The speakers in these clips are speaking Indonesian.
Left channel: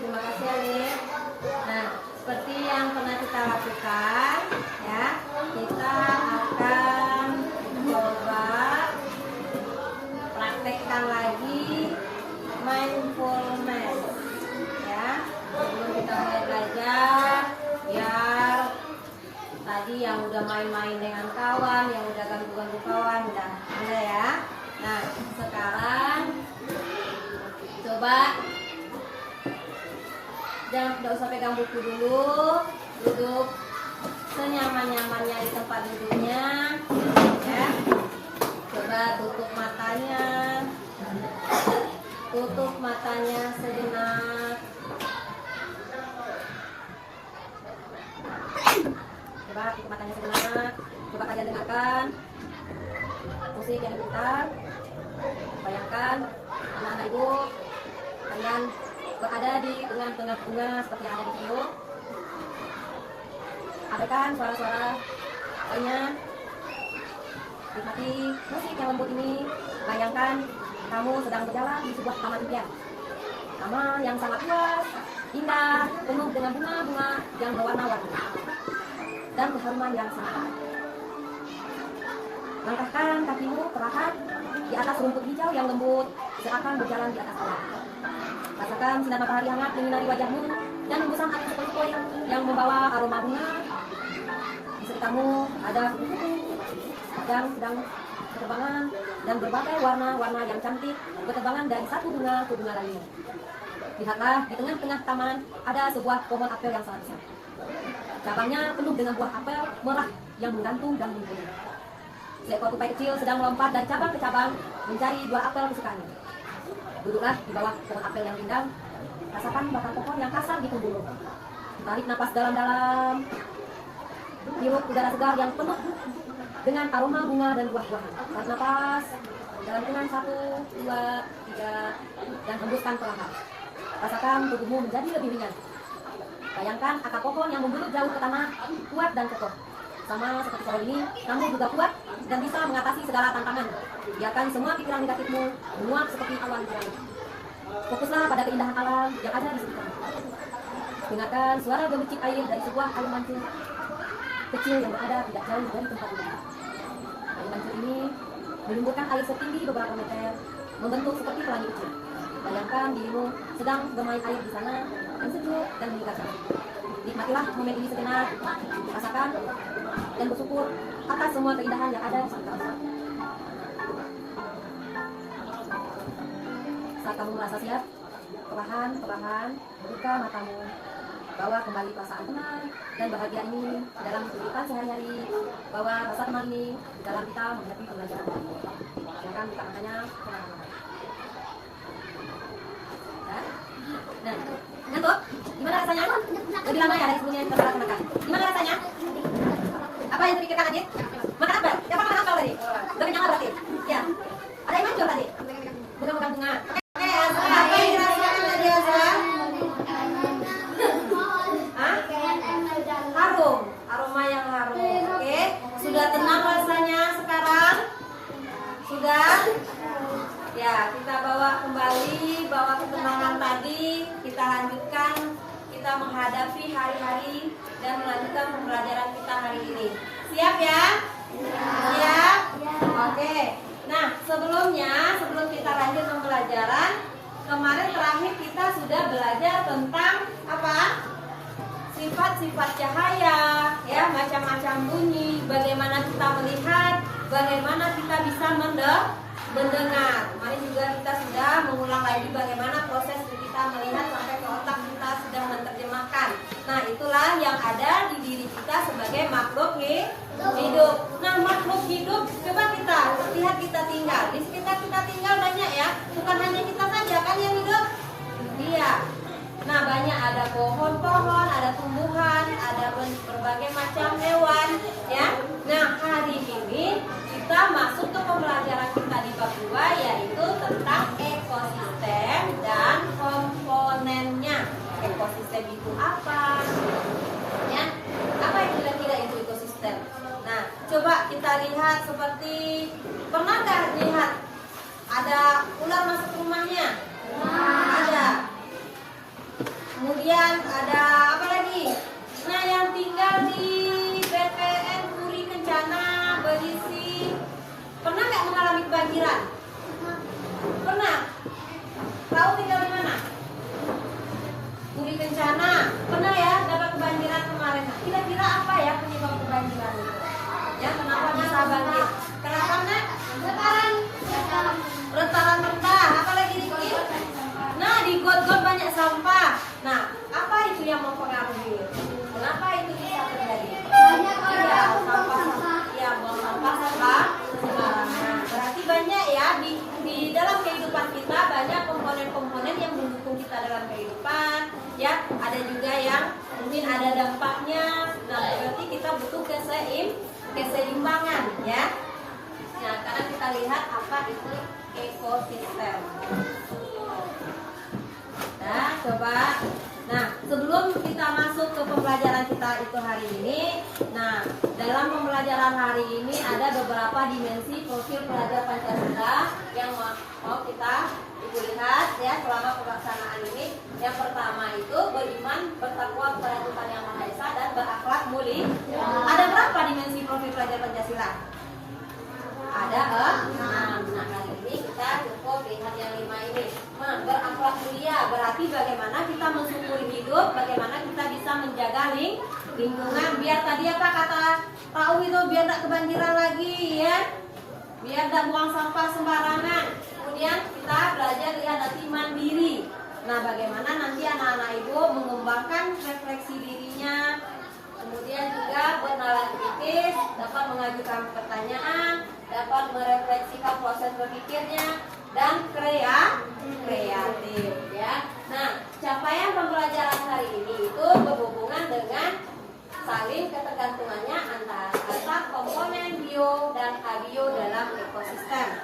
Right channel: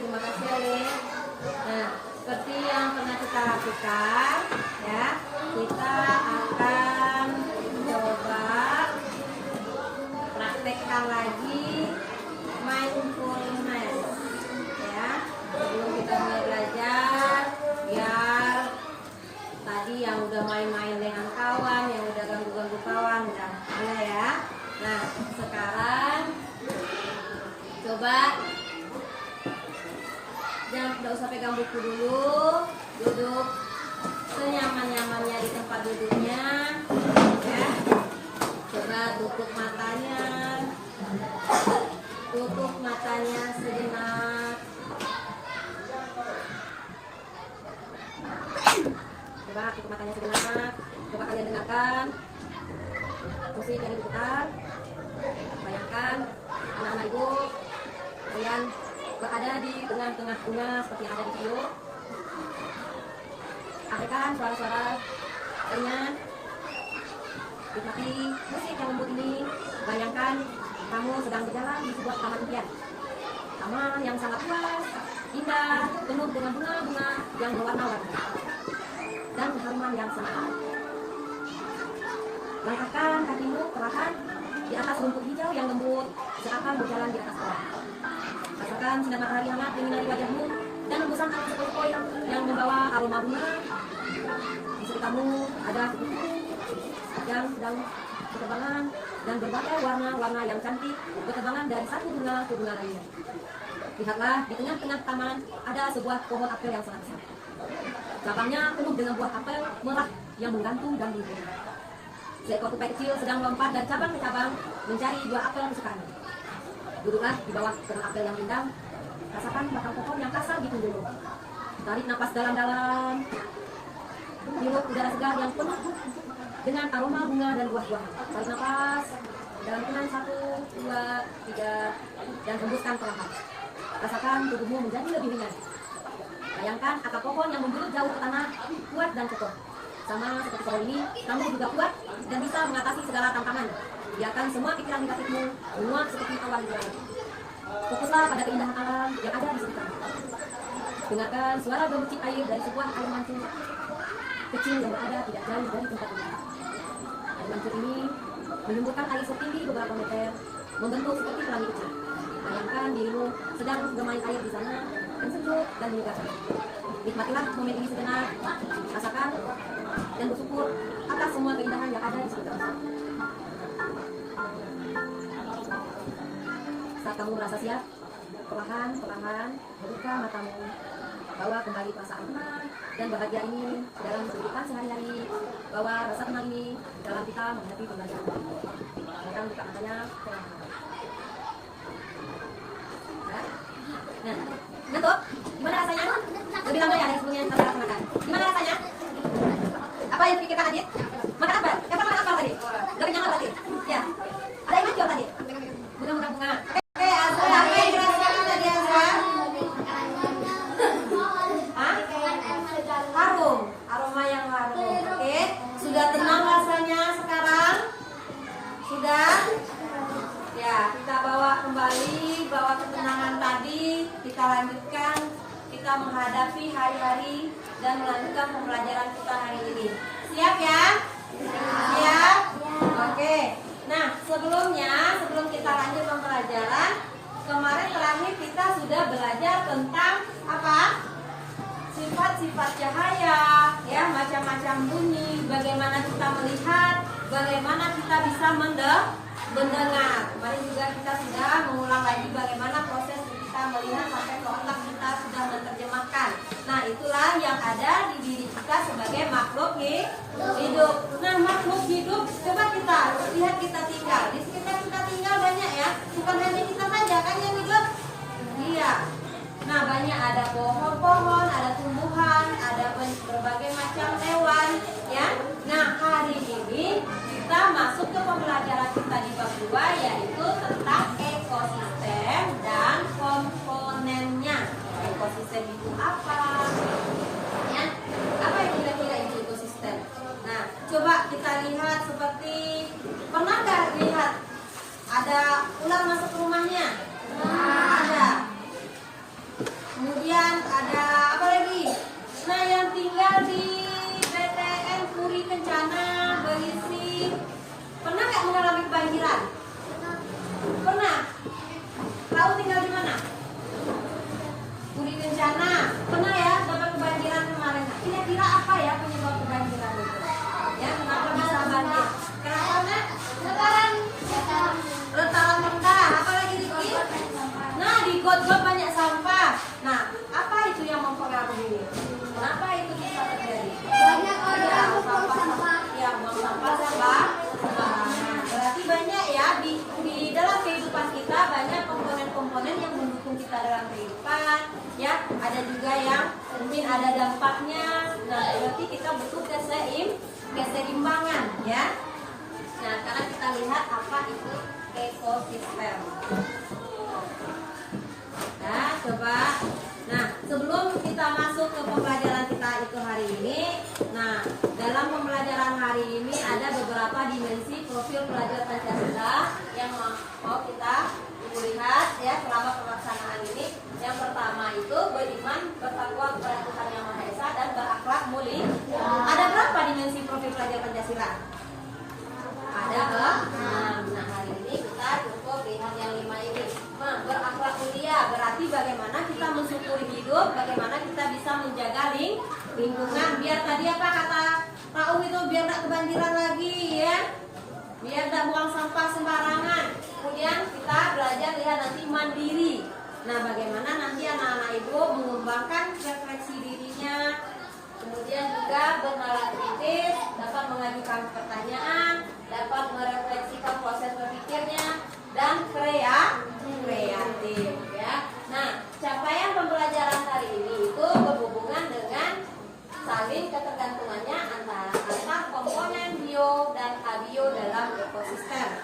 terima kasih Alin. Nah, seperti yang pernah kita lakukan, ya, kita akan coba praktekkan lagi mindfulness, ya. Sebelum kita mulai belajar, biar tadi yang udah main-main dengan kawan, yang udah ganggu-ganggu kawan, udah ada ya. Nah, sekarang coba jangan, tidak usah pegang buku dulu, duduk senyaman-nyamannya di tempat duduknya, ya. Coba tutup matanya sejenak. Coba tutup matanya sejenak. Coba kalian dengarkan musik yang diputar. Bayangkan anak ibu kalian berada di tengah-tengah bunga seperti yang ada di video. Ada kan suara-suara ringan? Nikmati musik yang lembut ini. Bayangkan kamu sedang berjalan di sebuah taman impian. Taman yang sangat luas, indah, penuh dengan bunga-bunga yang berwarna-warni dan keharuman yang sangat. Langkahkan kakimu perlahan di atas rumput hijau yang lembut, seakan berjalan di atas awan. Rasakan sinar matahari hangat menyinari wajahmu dan hembusan angin sepoi-sepoi yang membawa aroma bunga. Di sekitarmu ada kupu-kupu yang sedang berterbangan dan berbagai warna-warna yang cantik berterbangan dari satu bunga ke bunga lainnya. Lihatlah, di tengah-tengah taman ada sebuah pohon apel yang sangat besar. Cabangnya penuh dengan buah apel merah yang menggantung dan menggunung. Seekor tupai kecil sedang melompat dari cabang ke cabang mencari buah apel kesukaannya. Duduklah di bawah pohon apel yang rindang. Rasakan batang pohon yang kasar di punggungmu. Tarik napas dalam-dalam. Hirup udara segar yang penuh dengan aroma bunga dan buah-buahan. Tarik napas dalam hitungan 1, 2, 3 dan hembuskan perlahan. Rasakan tubuhmu menjadi lebih ringan. Bayangkan akar pohon yang membulut jauh ke tanah, kuat dan kokoh. Sama seperti pohon ini, kamu juga kuat dan bisa mengatasi segala tantangan. Biarkan semua pikiran negatifmu menguap seperti awan hujan. Fokuslah pada keindahan alam yang ada di sekitarmu. Dengarkan suara gemericik air dari sebuah air mancur kecil yang berada tidak jauh dari tempat ini. Air mancur ini menyemburkan air setinggi beberapa meter, membentuk seperti pelangi kecil. Bayangkan dirimu sedang bermain air di sana, yang sejuk dan menyegarkan. Nikmatilah momen ini sejenak, rasakan dan bersyukur atas semua keindahan yang ada di sekitarmu. Saat kamu merasa siap, perlahan-perlahan buka matamu. Bawa kembali perasaan tenang dan bahagia ini dalam kehidupan sehari-hari. Bawa rasa tenang ini dalam kita menghadapi pembelajaran. Jangan buka matanya perlahan. Nah, ngantuk? Gimana rasanya? Lebih lama ya dari sebelumnya yang kita lakukan. Gimana rasanya? Apa yang tadi kita hadir? Makan apa? Siapa makan apa tadi? Udah kenyang berarti? Ya. Ada yang mancur tadi? Bukan bunga. Oke, Azra, apa yang dirasakan tadi Azra? Hah? Harum. Aroma yang harum. Oke. Sudah tenang rasanya sekarang? Sudah? Ya, kita bawa kembali, bawa ketenangan tadi, kita lanjutkan, kita menghadapi hari-hari dan melanjutkan pembelajaran kita hari ini. Siap ya? Siap? Oke. Nah, sebelum kita lanjut pembelajaran, kemarin terakhir kita sudah belajar tentang apa? Sifat-sifat cahaya, ya, macam-macam bunyi, bagaimana kita melihat, bagaimana kita bisa mendengar. Kemarin juga kita sudah mengulang lagi bagaimana proses kita melihat sampai ke otak kita sudah menerjemahkan. Nah, itulah yang ada di diri kita sebagai makhluk hidup. Nah, makhluk hidup, coba kita lihat kita tinggal. Di sekitar kita tinggal banyak ya, bukan hanya kita saja kan yang hidup. Iya. Nah, banyak, ada pohon-pohon, ada tumbuhan, ada berbagai macam hewan ya. Nah, hari ini kita masuk ke pembelajaran kita di bab 2, yaitu tentang ekosistem dan komponennya. Ekosistem itu apa? Ya, apa yang kira-kira itu ekosistem? Nah, coba kita lihat seperti, pernah nggak lihat ada ular masuk ke rumahnya? Ada. Kemudian ada apa lagi? Nah, yang tinggal di PTN Puri Kencana berisi, pernah nggak mengalami kebanjiran? Pernah? Tahu tinggal di mana? Puri Kencana. Pernah ya dapat kebanjiran kemarin? Kira-kira apa ya penyebab kebanjiran itu? Ya, kenapa bisa banjir? Kenapa nak? Rentaran rendah. Apa lagi dikit? Nah, di got-got banyak sampah. Nah, apa itu yang mempengaruhi? Kenapa itu bisa terjadi? Banyak orang Ya, buang sampah. Ya, buang sampah sembarangan. Berarti banyak ya di dalam kehidupan kita, banyak komponen-komponen yang mendukung kita dalam kehidupan. Ya, ada juga yang mungkin ada dampaknya. Nah, berarti kita butuh keseimbangan ya. Nah, sekarang kita lihat apa itu ekosistem. Nah, coba. Nah, sebelum kita masuk ke pembelajaran kita itu hari ini, nah, dalam pembelajaran hari ini ada beberapa dimensi profil pelajar Pancasila yang mau kita lihat ya selama pelaksanaan ini. Yang pertama itu beriman, bertakwa kepada Tuhan Yang Maha Esa dan berakhlak mulia. Ada berapa dimensi profil pelajar Pancasila? Ada 6. Nah, hari ini kita cukup lihat yang 5 ini. Berakhlak mulia berarti bagaimana kita mensyukuri hidup, bagaimana kita bisa menjaga lingkungan. Biar tadi apa kata tahu itu, biar tidak kebanjiran lagi ya, biar tidak buang sampah sembarangan. Kemudian kita belajar lihat nanti mandiri. Nah, bagaimana nanti anak-anak ibu mengembangkan refleksi dirinya, kemudian juga bernalar kritis, dapat mengajukan pertanyaan, dapat merefleksikan proses berpikirnya, dan kreatif ya. Nah, capaian pembelajaran hari ini itu berhubungan dengan saling ketergantungannya antara komponen bio dan abio dalam ekosistem.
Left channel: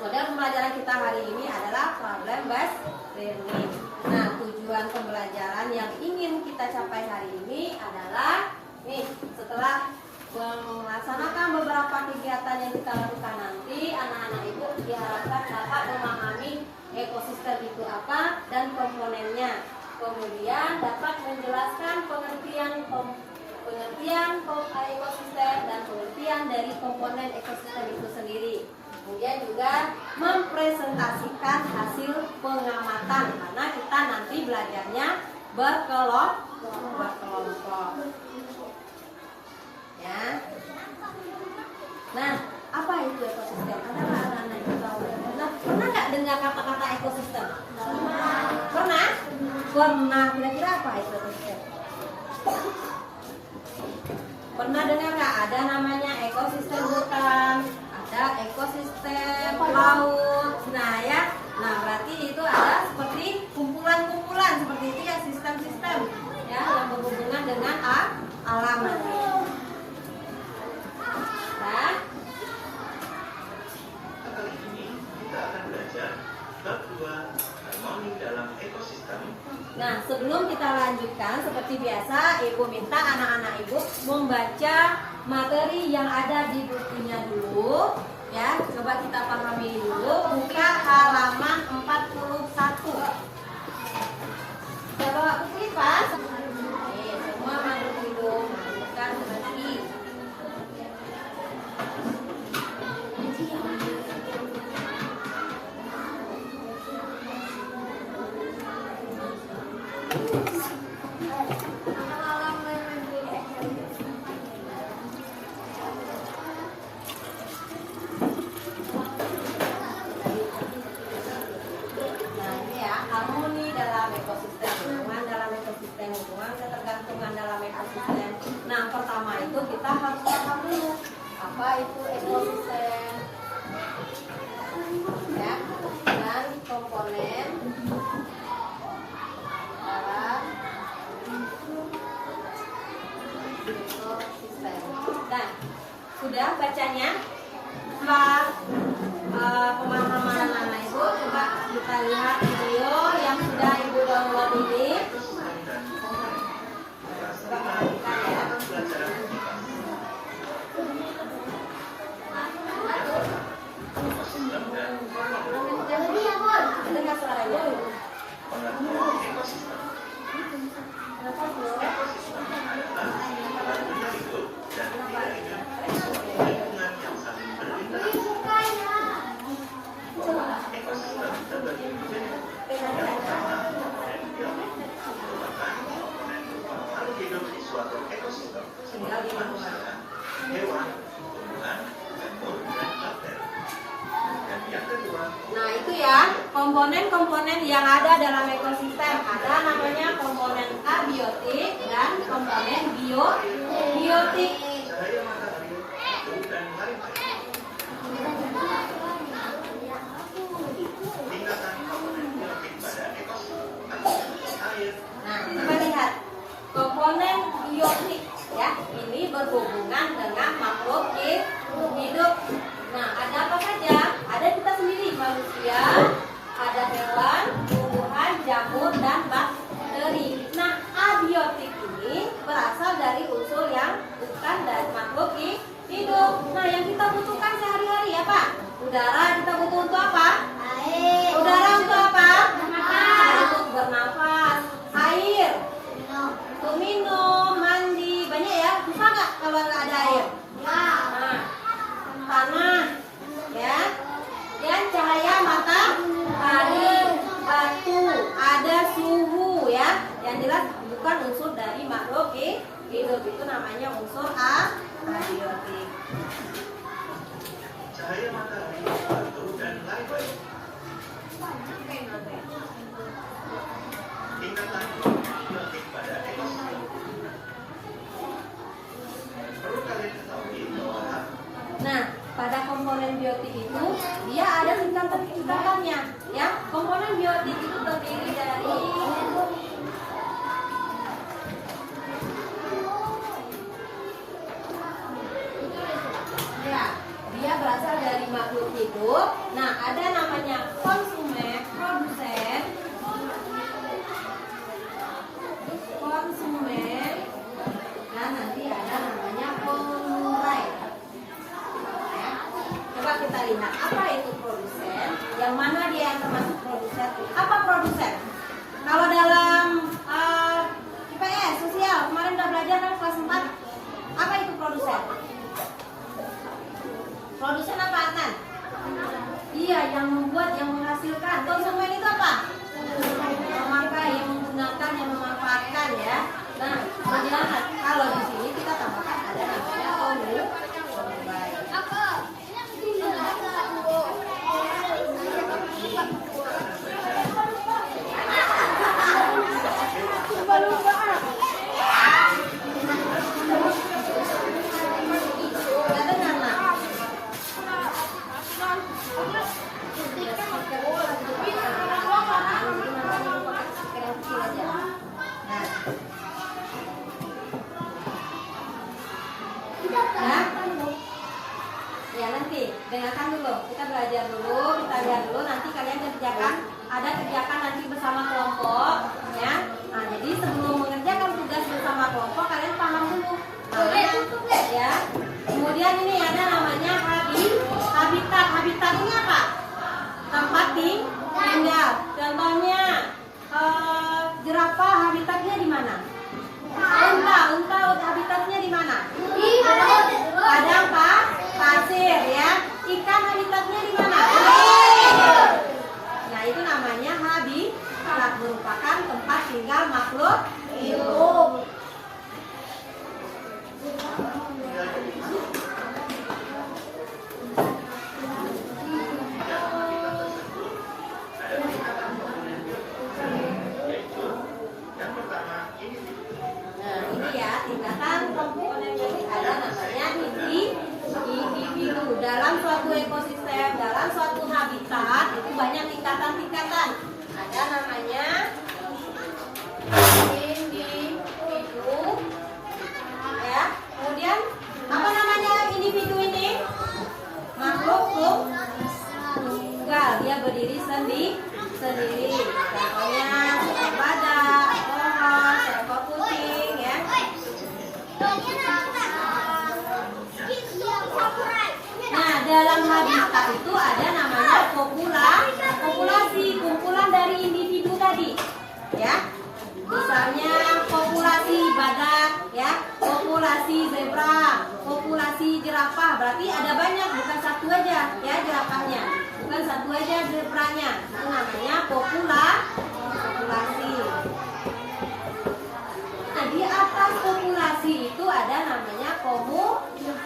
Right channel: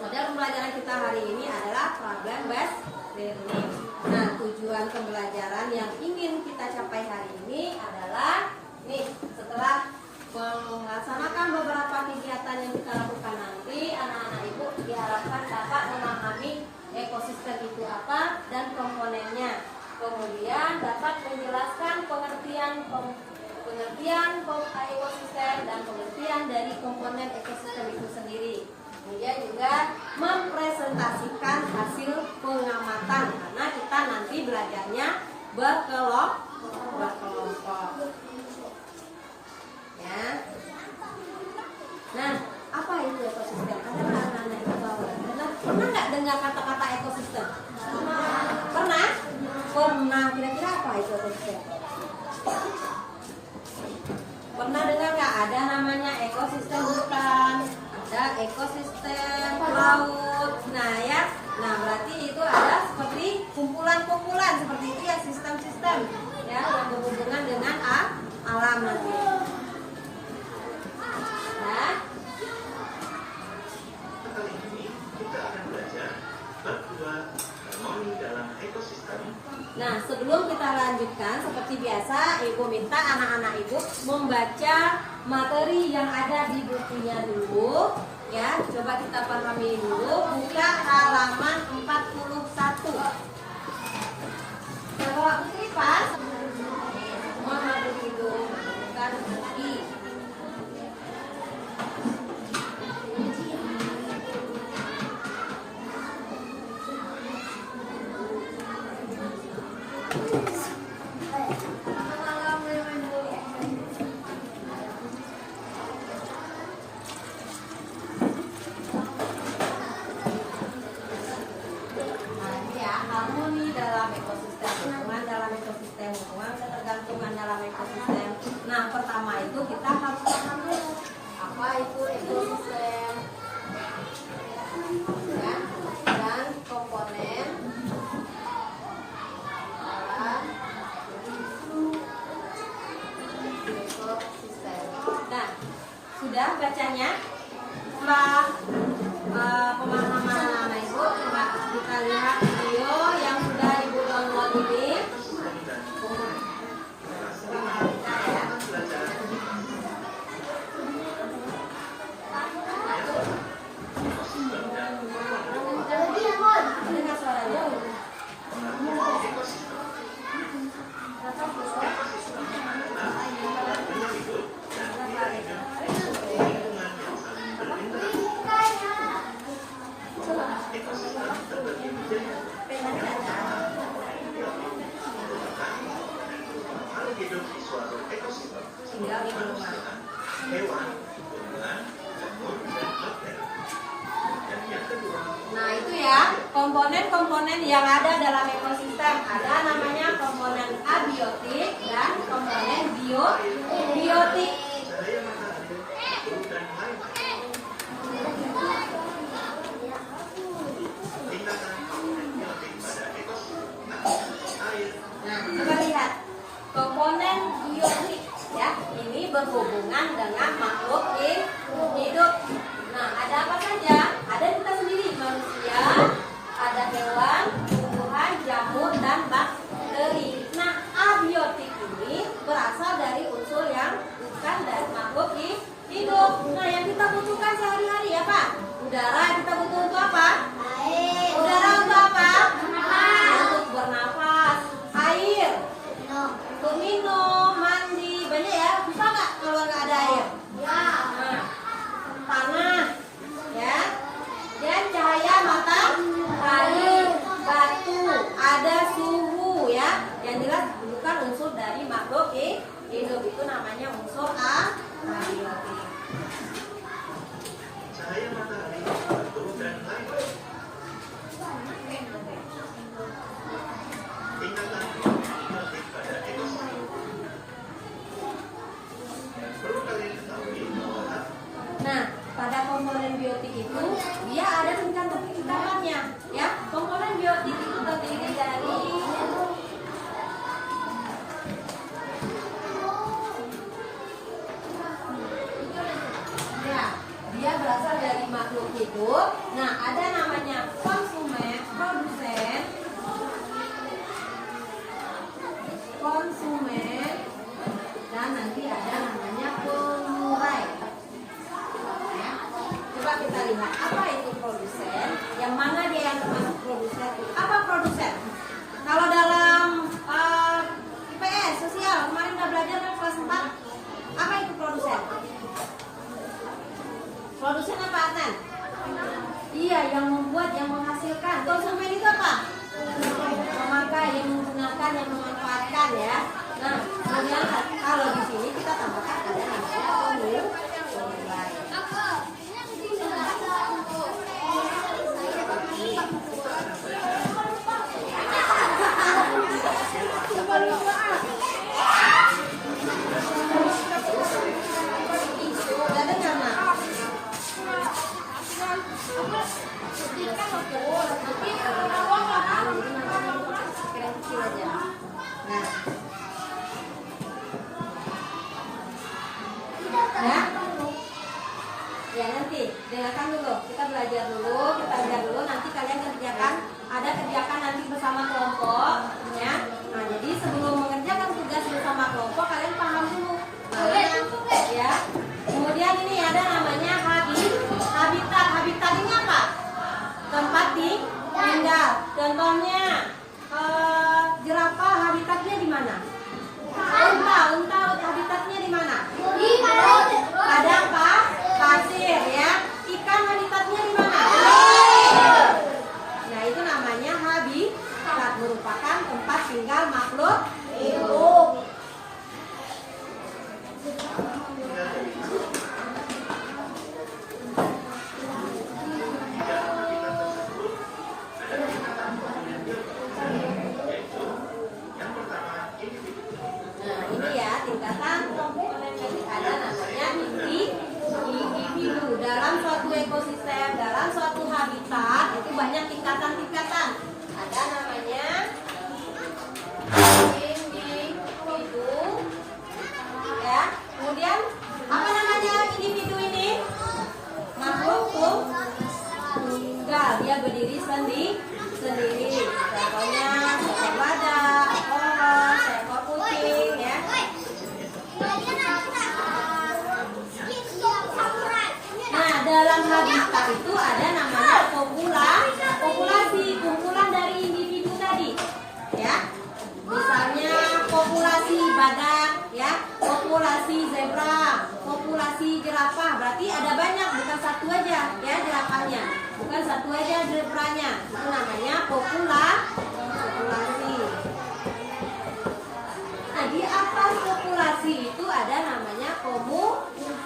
Model pembelajaran kita hari ini adalah problem based learning. Nah, tujuan pembelajaran yang ingin kita capai hari ini adalah nih, setelah melaksanakan beberapa kegiatan yang kita lakukan nanti, anak-anak ibu diharapkan dapat memahami ekosistem itu apa dan komponennya. Kemudian dapat menjelaskan pengertian ekosistem dan pengertian dari komponen ekosistem itu sendiri. Kemudian juga mempresentasikan hasil pengamatan, karena kita nanti belajarnya berkelompok. Ya. Nah, apa itu ekosistem? Pernah nggak dengar kata-kata ekosistem? Pernah? Pernah. Kira-kira apa itu ekosistem? Pernah dengar nggak? Ada namanya ekosistem hutan, ada ekosistem laut. Nah ya, nah berarti itu ada seperti kumpulan-kumpulan seperti itu ya, sistem-sistem ya yang berhubungan dengan alam nanti. Nah, sebelum kita lanjutkan, seperti biasa, ibu minta anak-anak ibu membaca materi yang ada di bukunya dulu. Ya, coba kita pahami dulu. Buka halaman 41. Coba kipas. Semua masuk hidung, bukan kaki. Hubungan ketergantungan dalam ekosistem. Nah, pertama itu kita harus paham dulu apa itu ekosistem ya, dan komponen dalam ekosistem. Nah, sudah bacanya? Setelah pemahaman anak-anak ibu, coba kita lihat video yang sudah ibu download ini. biotik. Nah, kita lihat komponen biotik ya. Ini berhubungan dengan makhluk hidup. Nah, ada apa saja? Ada kita sendiri, manusia, ada hewan, tumbuhan, jamur, dan bakteri. Nah, abiotik ini berasal dari unsur yang bukan dari makhluk hidup. Nah, yang kita butuhkan sehari-hari apa? Udara kita butuh untuk apa? Air. Udara untuk apa? Untuk bernafas. Air untuk minum, mandi. Banyak ya, susah nggak kalau nggak ada air? Nah, tanah ya, dan cahaya matahari, batu, ada suhu ya. Yang jelas bukan unsur dari makhluk hidup, itu namanya unsur abiotik. Cahaya matahari, batu, dan lain-lain. Tingkatan biotik pada ekosistem. Perlu kalian ketahui bahwa Nah, pada komponen biotik itu dia ada tingkatan-tingkatannya ya. Komponen biotik itu terdiri dari ya, dia berasal dari makhluk hidup. Nah, ada namanya konsumen, konsumen, dan nanti ada namanya pengurai. Ya. Coba kita lihat apa itu produsen, yang mana dia yang termasuk produsen. Apa produsen? Kalau dalam IPS sosial kemarin udah belajar kan kelas 4. Apa itu produsen? Produsen apa, Atan? Iya, yang membuat, yang menghasilkan. Konsumen itu apa? Memakai, yang menggunakan, yang memanfaatkan ya. Nah, kemudian kalau di sini kita tambahkan ada namanya pengurai. Ya nanti dengarkan dulu, kita belajar dulu, kita lihat dulu, nanti kalian kerjakan, ada kerjakan nanti bersama kelompok ya. Nah, jadi sebelum mengerjakan tugas bersama kelompok kalian paham dulu ya. Kemudian ini ada namanya habitat. Habitat ini apa? Tempat tinggal. Contohnya jerapah habitatnya di mana? Unta habitatnya di mana? Padang pasir ya. Ikan habitatnya di mana? Nah, itu namanya habitat, merupakan tempat tinggal makhluk hidup. Nah, ini ya tingkatan komponen biotik, ada namanya individu. Dalam suatu ekosistem, dalam suatu habitat itu banyak tingkatan-tingkatan. Ada namanya individu ya. Kemudian apa namanya individu ini? Makhluk tunggal, dia berdiri sendiri. Contohnya seekor badak, pohon, seekor kucing ya. Nah, dalam habitat itu ada namanya populasi, kumpulan dari individu tadi ya. Misalnya populasi badak ya, populasi zebra, populasi jerapah. Berarti ada banyak, bukan satu aja ya jerapahnya, bukan satu aja zebranya. Itu namanya populasi. Nah, di atas populasi itu ada namanya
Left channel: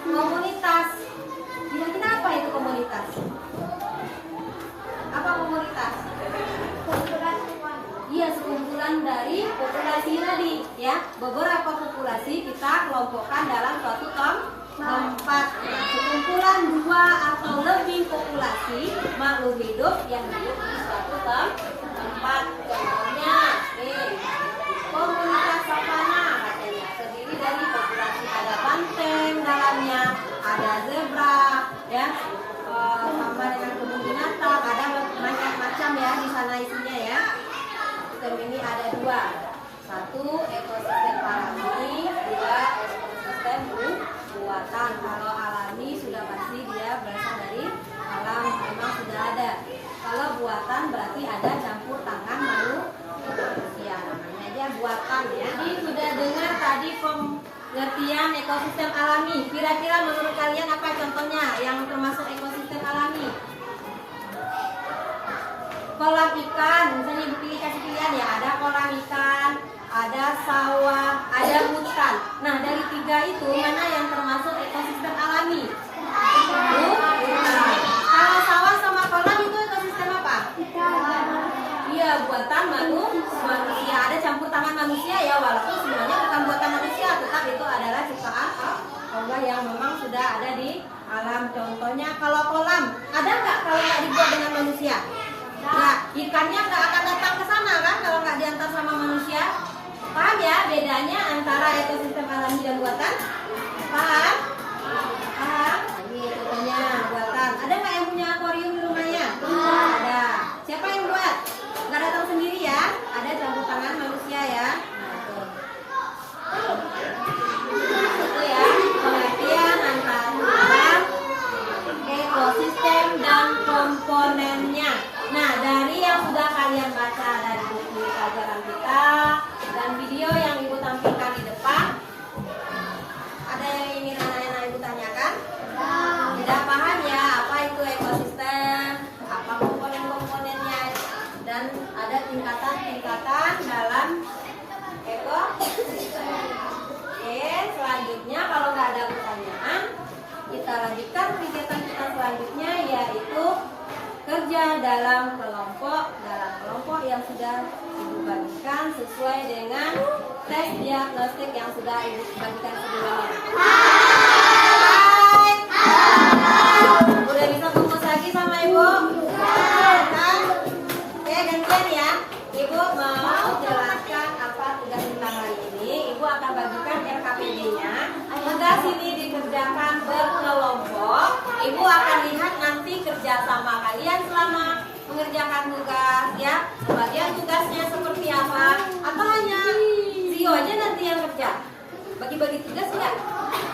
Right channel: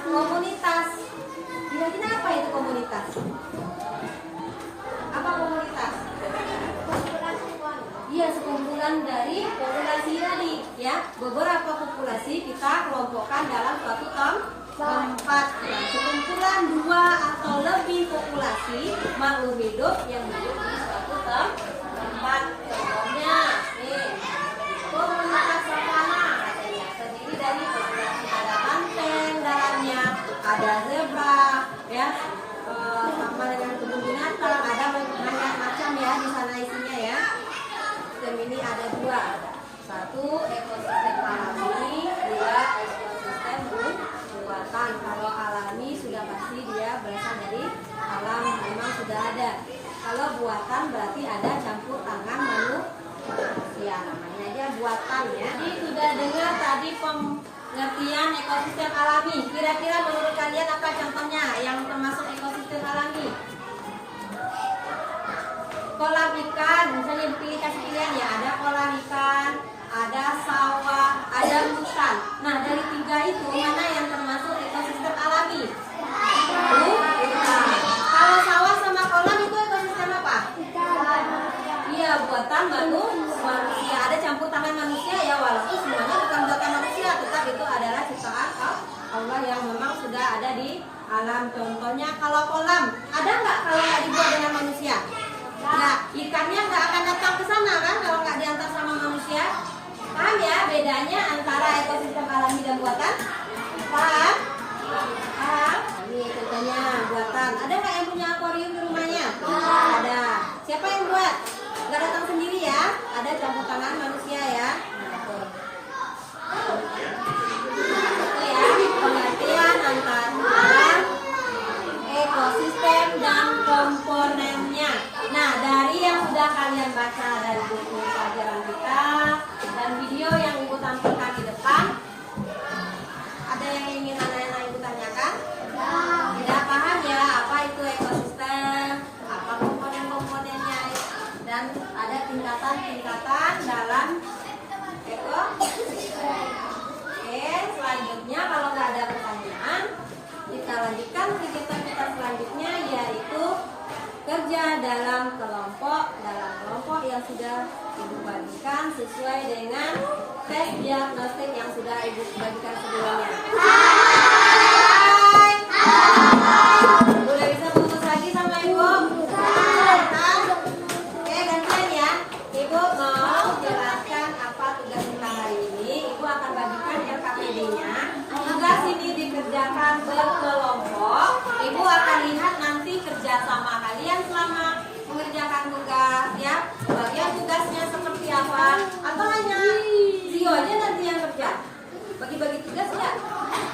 komunitas. Kira-kira apa itu komunitas? Apa komunitas? Iya, sekumpulan dari populasi tadi ya. Beberapa populasi populasi kita kelompokkan dalam suatu tempat. Nah, sekumpulan dua atau lebih populasi makhluk hidup yang hidup di suatu tempat. Contohnya, komunitas savana katanya terdiri dari populasi ada banteng dalamnya, ada zebra, ya, sama dengan kebun binatang, ada banyak macam ya di sana isinya ya. Sistem ini ada dua, satu ekosistem alami, dua ekosistem buatan. Kalau alami sudah pasti dia berasal dari alam, memang sudah ada. Kalau buatan berarti ada campur tangan manusia, namanya dia buatan ya. Jadi sudah dengar tadi pengertian ekosistem alami. Kira-kira menurut kalian apa contohnya yang termasuk ekosistem alami? Kolam ikan, misalnya Ibu pilih kasih pilihan ya, ada kolam ikan, ada sawah, ada hutan. Nah, dari tiga itu mana yang termasuk ekosistem alami? Hutan. Kalau sawah sama kolam itu ekosistem apa? Iya, buatan manusia. Ada campur tangan manusia ya, walaupun semuanya bukan buatan manusia, tetap itu adalah ciptaan Allah yang memang sudah ada di alam. Contohnya kalau kolam, ada nggak kalau nggak dibuat dengan manusia? Nah, ikannya nggak akan datang ke sana kan kalau nggak diantar sama manusia. Paham ya bedanya antara ekosistem alami dan buatan? Paham? Paham? Ini contohnya buatan. Ada nggak yang punya akuarium di rumahnya? Ada. Siapa yang buat? Nggak datang sendiri ya? Ada campur tangan manusia ya. Itu ya pengertian antara ekosistem dan komponennya. Nah, dari yang sudah kalian baca dari buku pelajaran kita dan video yang Ibu tampilkan di depan, ada yang ingin anak-anak Ibu tanyakan? Tidak paham ya apa itu ekosistem, apa komponen-komponennya, dan ada tingkatan-tingkatan dalam ekosistem. Oke, selanjutnya kalau nggak ada pertanyaan, kita lanjutkan kegiatan kita selanjutnya, yaitu kerja dalam kelompok yang sudah Ibu bagikan sesuai dengan tes diagnostik yang sudah Ibu bagikan sebelumnya. Hai. Udah bisa fokus lagi sama Ibu? Kan? Oke, gantian ya. Ibu mau jelaskan apa tugas kita hari ini. Ibu akan bagikan RKPD-nya. Tugas ini dikerjakan berkelompok. Ibu akan lihat nanti kerja sama kalian selama mengerjakan tugas ya. Bagian tugasnya seperti apa? Atau hanya Zio aja nanti yang kerja? Bagi-bagi tugas nggak?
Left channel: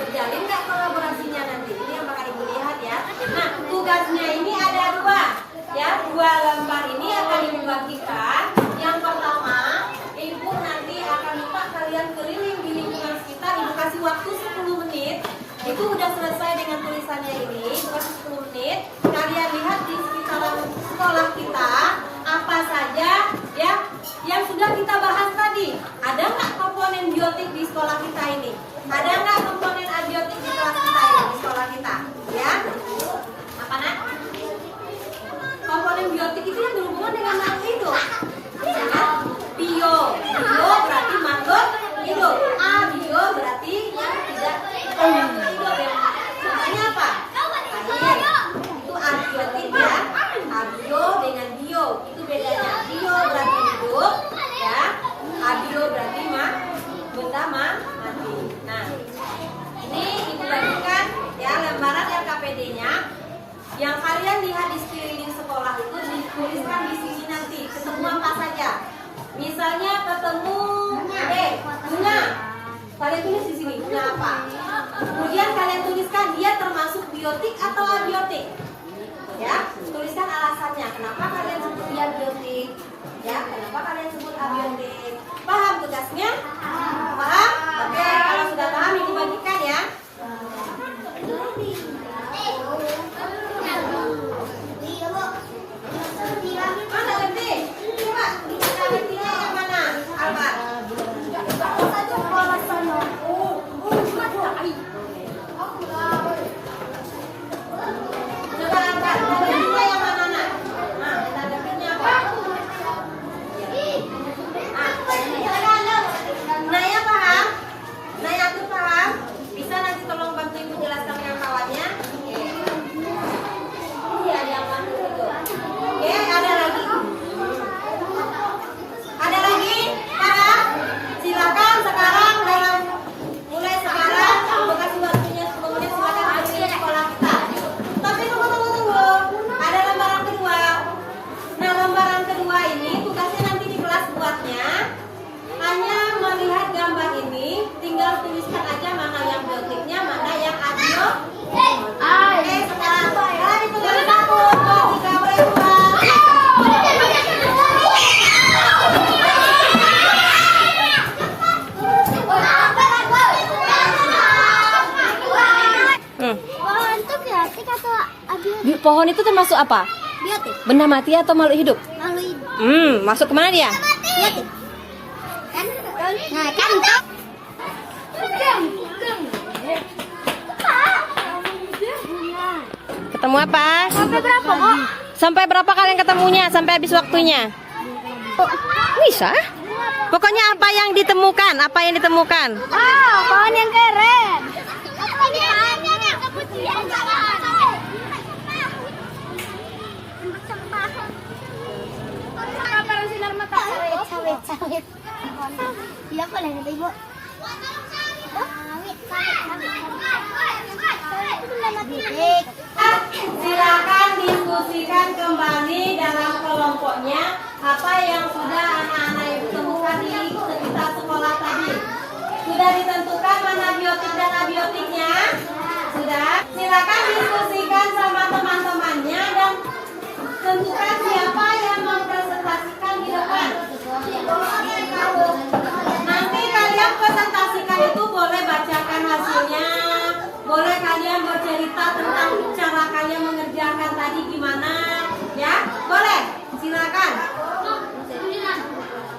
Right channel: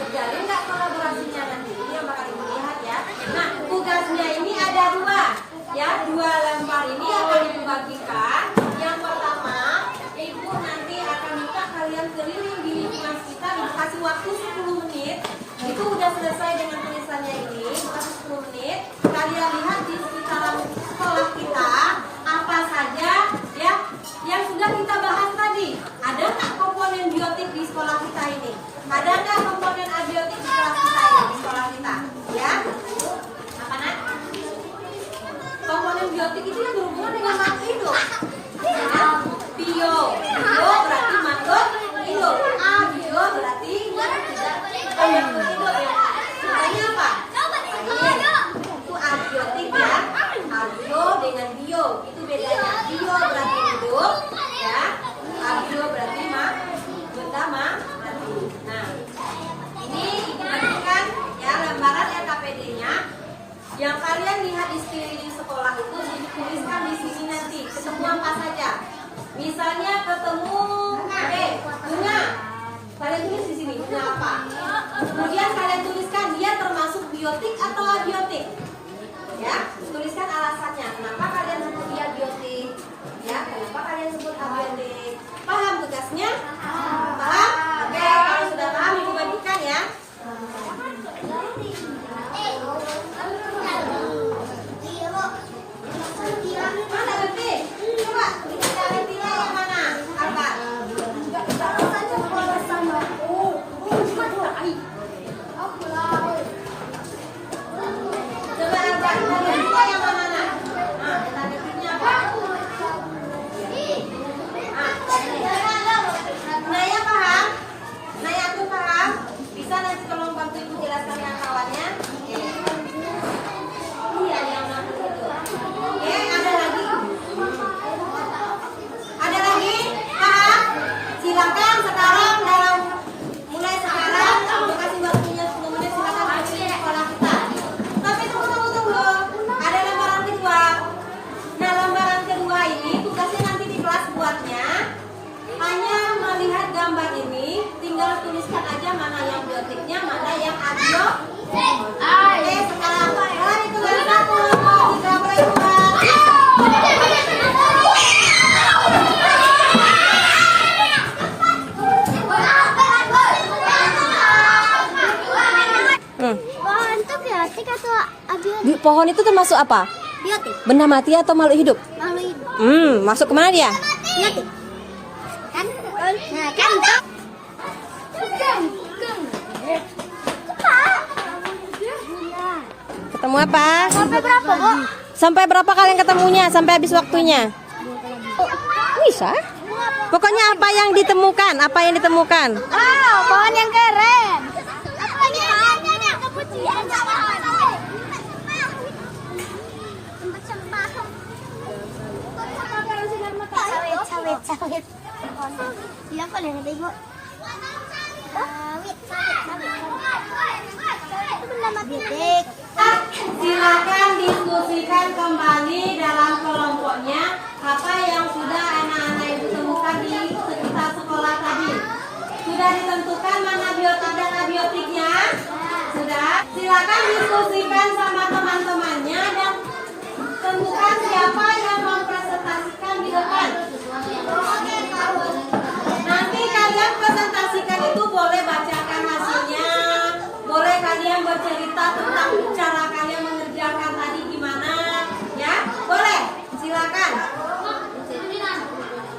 Kerjain nggak kolaborasinya nanti? Ini yang bakal Ibu lihat ya. Nah, tugasnya ini ada dua ya. Dua lembar ini akan Ibu bagikan. Yang pertama, Ibu nanti akan minta kalian keliling di lingkungan sekitar. Ibu kasih waktu 10 menit. Ibu udah selesai dengan tulisannya ini, kasih 10 menit. Kalian lihat di sekitaran sekolah kita apa saja ya yang sudah kita bahas tadi. Ada nggak komponen biotik di sekolah kita ini? Ada nggak komponen abiotik di kelas kita ini, di sekolah kita? Ya? Apa nak? Komponen biotik itu yang berhubungan dengan makhluk hidup. Ya? Bio berarti makhluk hidup. Abio berarti tidak hidup ya. Contohnya apa? Itu abiotik ya. Abio dengan bio itu bedanya. Bio berarti hidup ya. Abio berarti benda mati. Nah, ini Ibu bagikan ya lembaran RKPD-nya. Yang kalian lihat di sekeliling sekolah itu dituliskan di sini nanti. Ketemu apa saja? Misalnya ketemu bunga. Kalian tulis di sini bunga apa? Kemudian kalian tuliskan dia termasuk biotik atau abiotik. Ya, tuliskan alasannya. Kenapa kalian sebut dia biotik? Ya, kenapa kalian sebut abiotik? Paham tugasnya? Paham? Oke, kalau sudah paham Ibu bagikan ya. Mana ngerti? Coba kita ngerti yang mana? Alba. Coba Alba, yang mana? Nah. pohon itu termasuk apa? Biotik. Benda mati atau makhluk hidup? Makhluk hidup. Masuk kemana dia? Biotik. Kan? Nah, kan. Ketemu apa? Sampai berapa kok? Sampai berapa kalian ketemunya? Sampai habis waktunya? Bisa? Pokoknya apa yang ditemukan? Apa yang ditemukan? Wow, pohon yang keren. Sawit. Tidak boleh nanti ibu. Sawit. Itu benda mati. Silakan diskusikan kembali dalam kelompoknya apa yang sudah anak-anak ibu temukan di sekitar sekolah tadi. Sudah ditentukan mana biotik dan abiotiknya? Sudah. Silakan diskusikan sama teman-temannya dan tentukan siapa yang mempresentasikan di depan. Nanti kalian presentasikan itu boleh bacakan hasilnya, boleh kalian bercerita tentang cara kalian mengerjakan tadi gimana, ya? Boleh, silakan.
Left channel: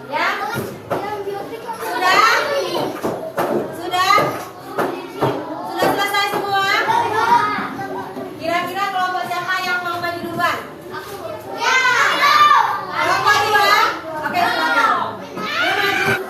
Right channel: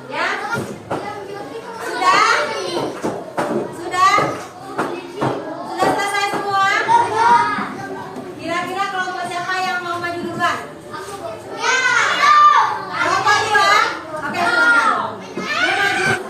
Ya? Sudah? Sudah? Sudah selesai semua? Kira-kira kelompok siapa yang mau maju duluan? Kelompok dua? Oke, silakan. Dia maju.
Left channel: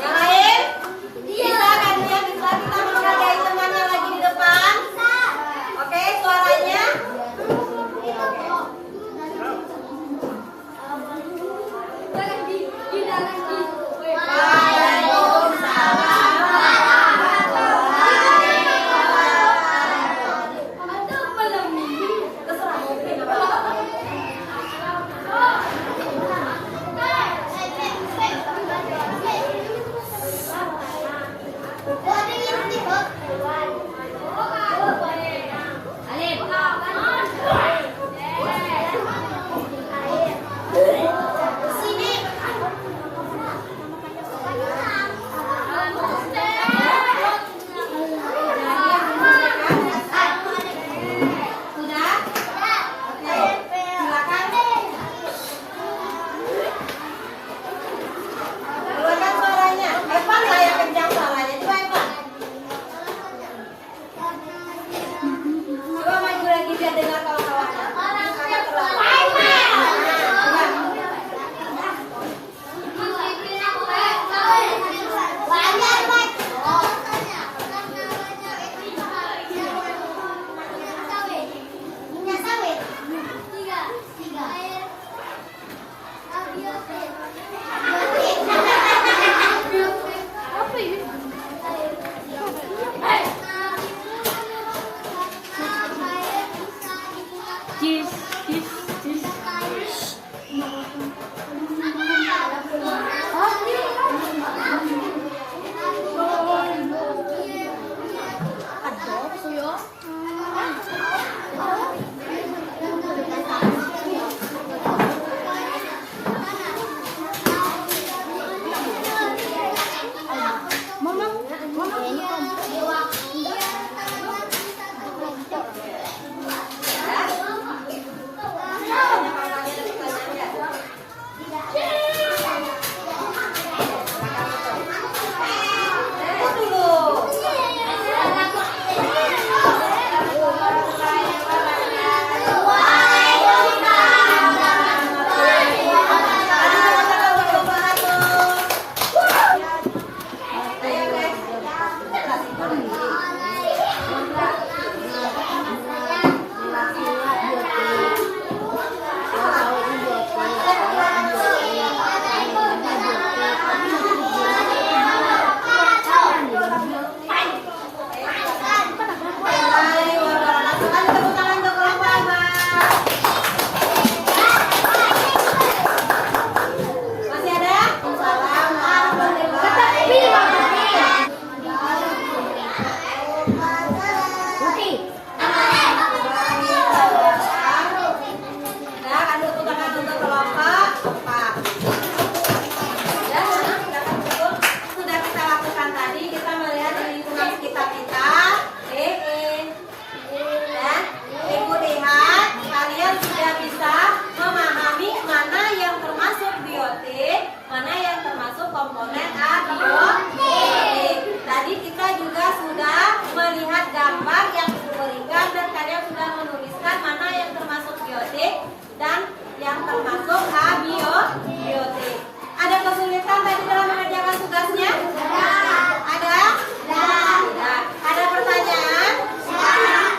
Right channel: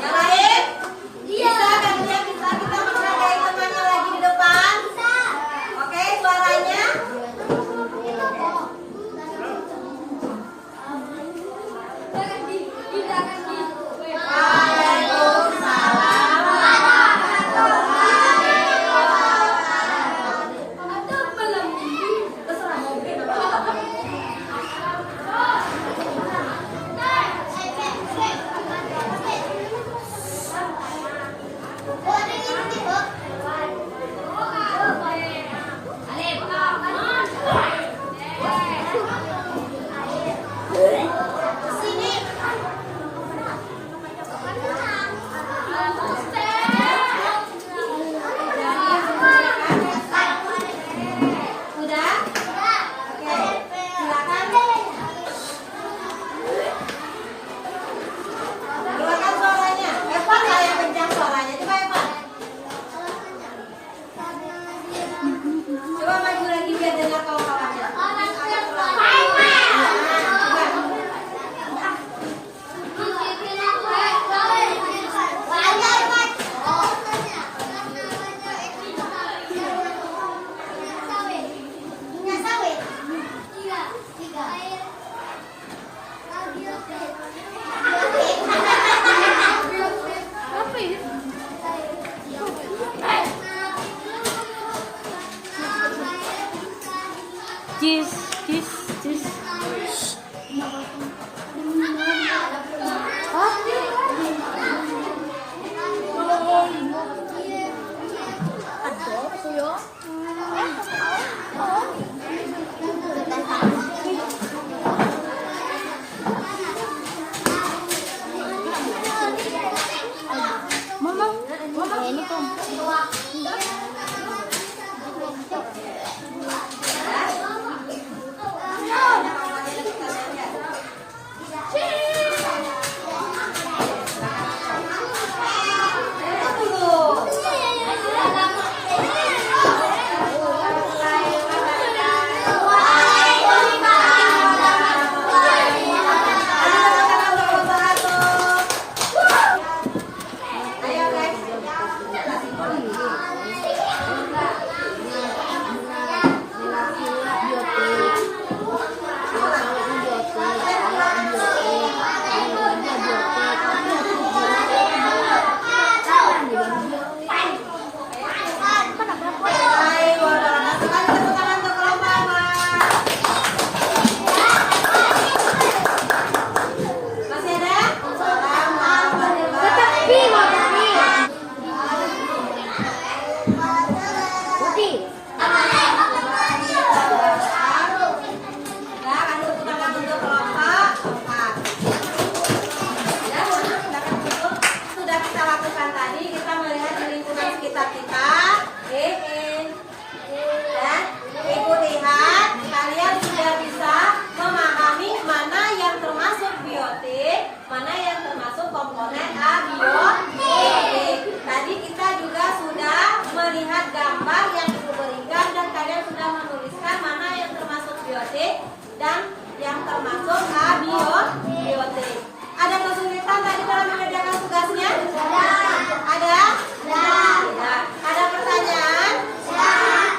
abiotik. Tadi kita juga sudah melihat gambar yang diberikan dan kalian sudah menuliskan mana yang termasuk biotik dan yang termasuk abiotik. Ada kesulitan tadi dalam mengerjakan tugasnya? Ada? Tidak. Ada pertanyaan?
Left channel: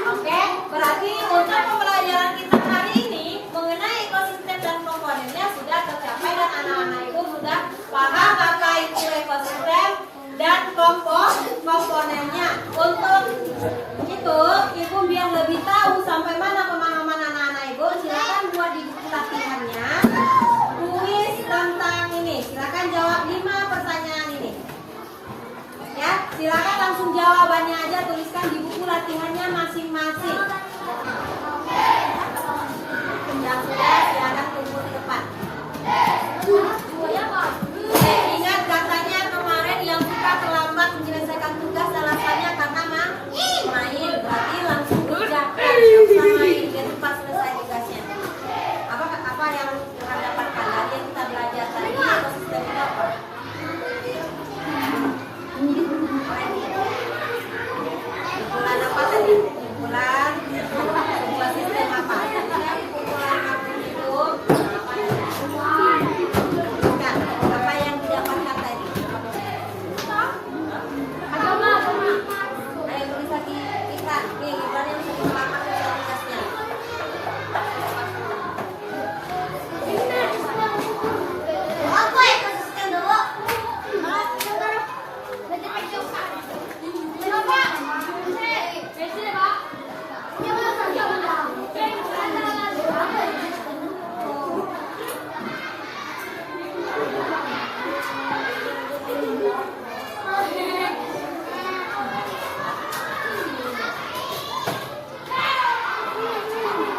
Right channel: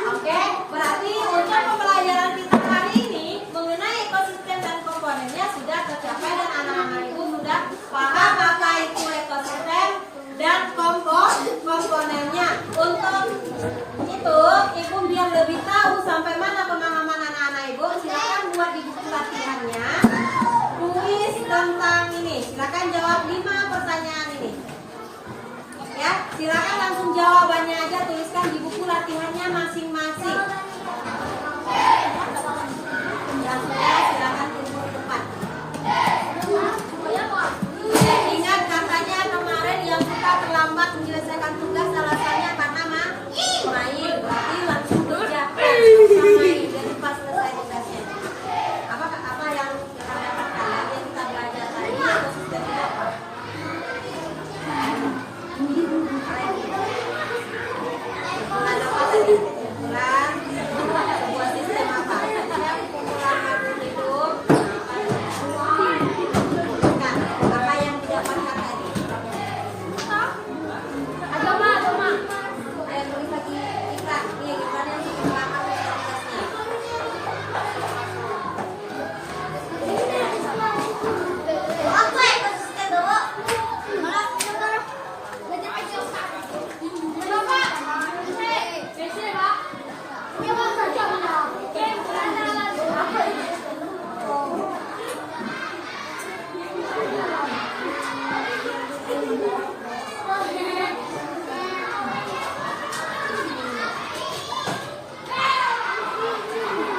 Oke, berarti untuk pembelajaran kita hari ini mengenai ekosistem dan komponennya sudah tercapai dan anak-anak ibu sudah paham apa itu ekosistem dan komponennya. Untuk itu, ibu biar lebih tahu sampai mana pemahaman anak-anak ibu, silakan buat di buku latihannya tulis tentang ini. Silakan jawab 5 pertanyaan ini. Ya, silakan langsung jawabannya aja, tuliskan di buku latihannya masing-masing. Yang sudah silakan tunggu di depan. Ingat katanya kemarin yang suka terlambat menyelesaikan tugas alasannya karena main. Berarti langsung kerjakan sama main biar cepat selesai tugasnya. Apa yang akan dapatkan dari yang kita belajar tadi atau sistem itu apa? Kumpulan apa tadi? Kumpulan sebuah sistem apa? Kumpulan itu bukan. Apa yang didapatkan tadi? Ayo tulis lagi kita. Nih, kita yang bisa dikelapan tugasnya. Apa ekosistem dulu?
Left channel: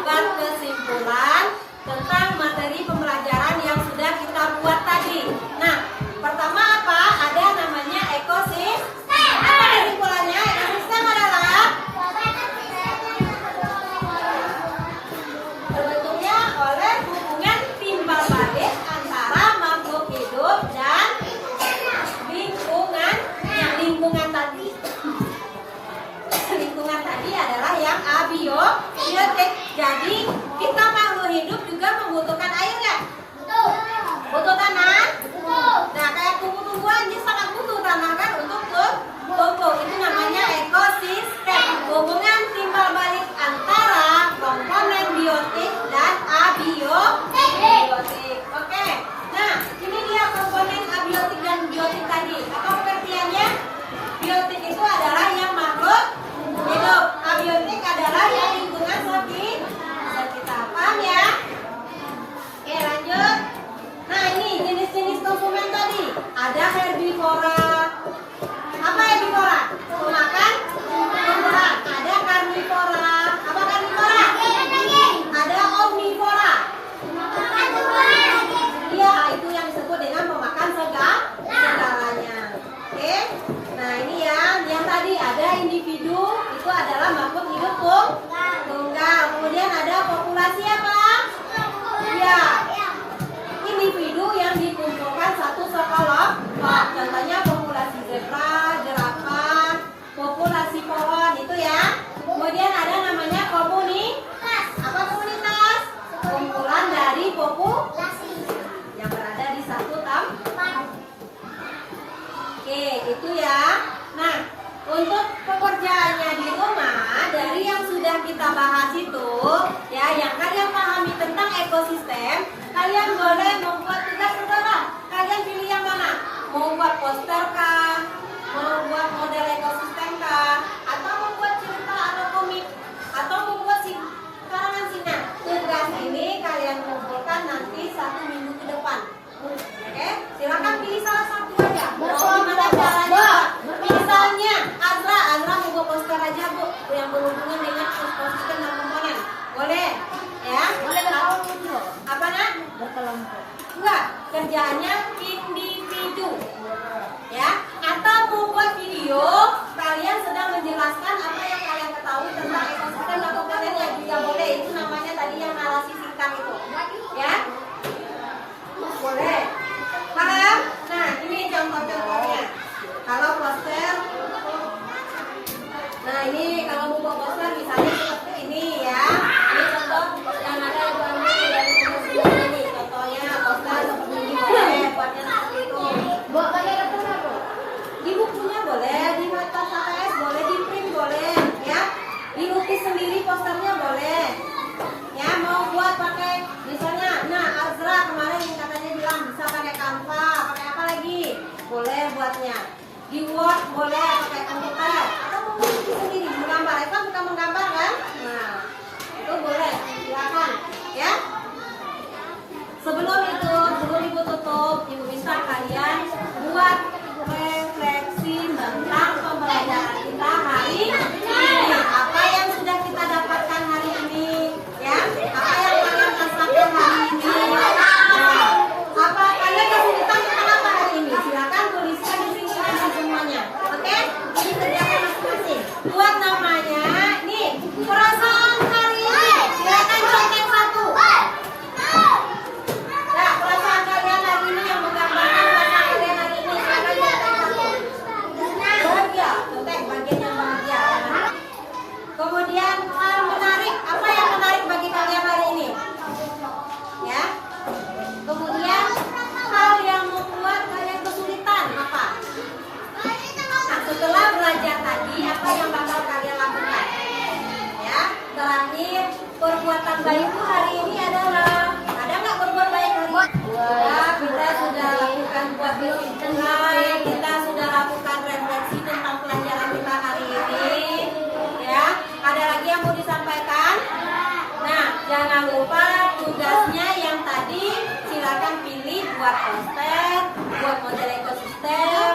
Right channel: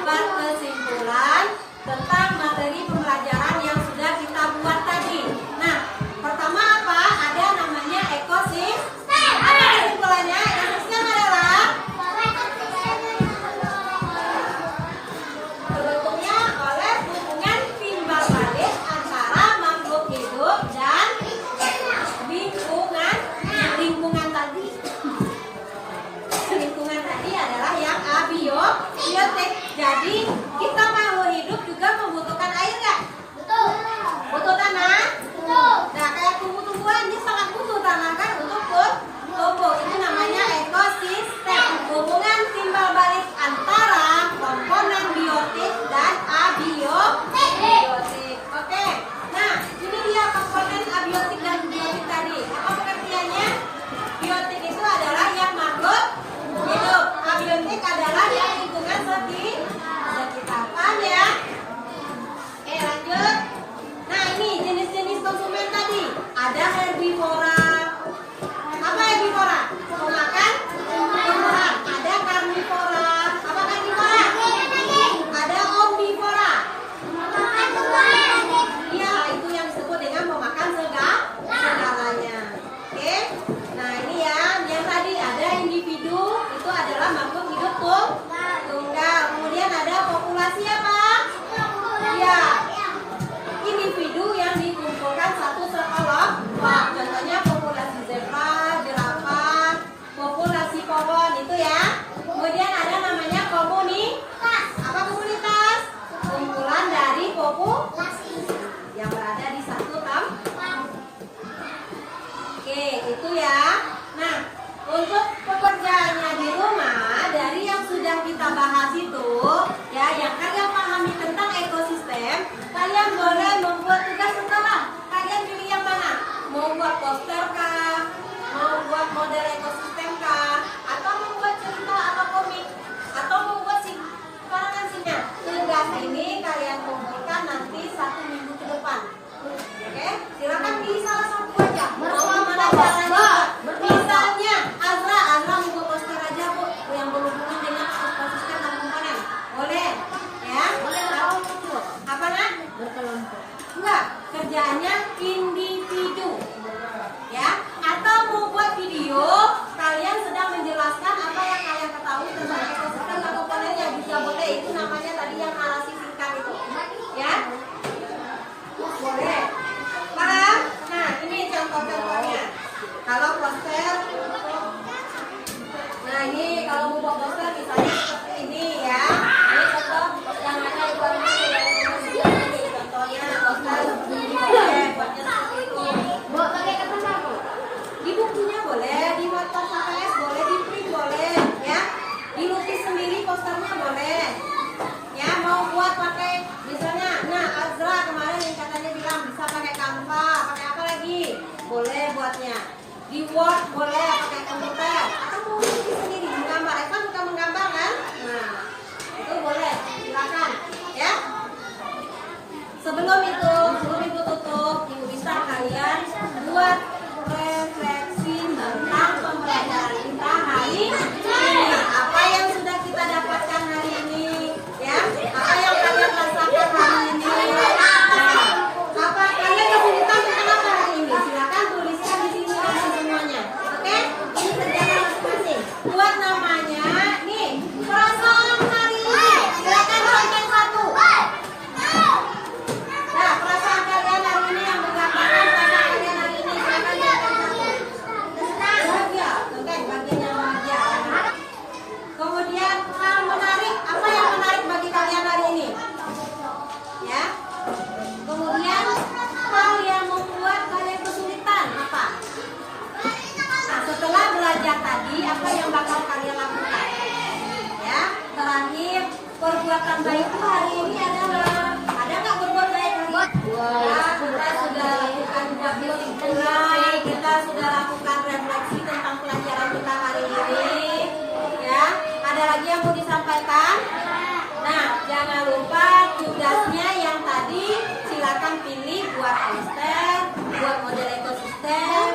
Buat kesimpulan tentang materi pembelajaran yang sudah kita buat tadi. Nah, pertama apa? Ada namanya ekosistem. Apa kesimpulannya? Ekosistem adalah terbentuknya oleh hubungan timbal balik antara makhluk hidup dan lingkungan tadi. Lingkungan tadi adalah yang abiotik. Jadi kita makhluk hidup juga membutuhkan air nggak? Butuh tanah? Nah, kayak tumbuh-tumbuhan ini sangat butuh tanah kan untuk tumbuh. Itu namanya ekosistem. Hubungan timbal balik antara komponen biotik dan abiotik. Oke. Nah, ini dia komponen abiotik dan biotik tadi. Apa pengertiannya? Biotik itu adalah yang makhluk hidup. Abiotik adalah yang lingkungan sekitar. Paham ya? Oke, lanjut. Nah, ini jenis-jenis konsumen tadi. Ada herbivora. Apa herbivora? Pemakan tumbuhan. Ada karnivora. Apa karnivora? Ada omnivora. Iya, itu yang disebut dengan pemakan segalanya. Oke. Nah, ini ya, yang tadi ada individu, itu adalah makhluk hidup tunggal. Kemudian ada populasi apa? Iya. Individu yang dikumpulkan satu sekelompok. Contohnya populasi zebra, jerapah, populasi pohon itu ya. Kemudian ada namanya komunitas. Apa komunitas? Kumpulan dari populasi yang berada di satu tempat. Oke, itu ya. Nah, untuk pekerjaannya di rumah dari yang sudah kita bahas itu, ya, yang kalian pahami tentang ekosistem, kalian boleh membuat tugas terserah. Kalian pilih yang mana? Mau buat poster kah? Mau buat model ekosistem kah? Atau membuat cerita atau komik? Atau membuat karangan singkat? Tugas ini kalian kumpulkan nanti 1 minggu ke depan. Oke, silakan pilih salah satu aja. Mau gimana caranya? Misalnya Azra mau buat poster aja bu, yang berhubungan dengan ekosistem dan komponen. Boleh, ya? Boleh berkelompok. Apa nak? Berkelompok. Enggak, kerjaannya individu, ya? Atau mau buat video, kalian sedang menjelaskan apa yang kalian ketahui tentang ekosistem dan komponennya juga boleh. Itu namanya tadi yang narasi singkat itu, ya? Boleh. Paham? Nah, ini contoh-contohnya. Di Word boleh pakai pad atau mau bikin sendiri menggambar. Eva suka menggambar kan? Nah, itu boleh, silakan ya. Sebelum ibu tutup, ibu bisa kalian buat refleksi tentang pembelajaran kita hari ini. Apa yang sudah kita dapatkan hari ini, ya? Apa yang kalian rasakan hari ini? Nah, apa kalian kesulitan tentang apa hari ini? Silakan tuliskan di sini nanti semuanya, oke? Ini kerjakan masing-masing. Buat namanya, nih perasaan hari ini. Silakan contek satu. Nah, perasaan kalian hari ini yang menggambarkan perasaan kalian hari ini. Silakan contek satu. Bahagia, contek bagian yang bahagia. Kemudian menarik, apa yang menarik bagi kalian hari ini? Ya. Kemudian hal yang membuat kalian kesulitan apa? Nah, setelah belajar tadi, apa yang bakal kalian lakukan? Ya. Terakhir, perbuatan baikku hari ini adalah ada nggak berbuat baik hari ini? Ya, kita sudah lakukan buat mulai, kita sudah lakukan refleksi tentang pelajaran kita hari ini. Ya, ada lagi yang mau disampaikan? Nah, jangan lupa tugasnya yang tadi silakan pilih buat poster, buat model ekosistem,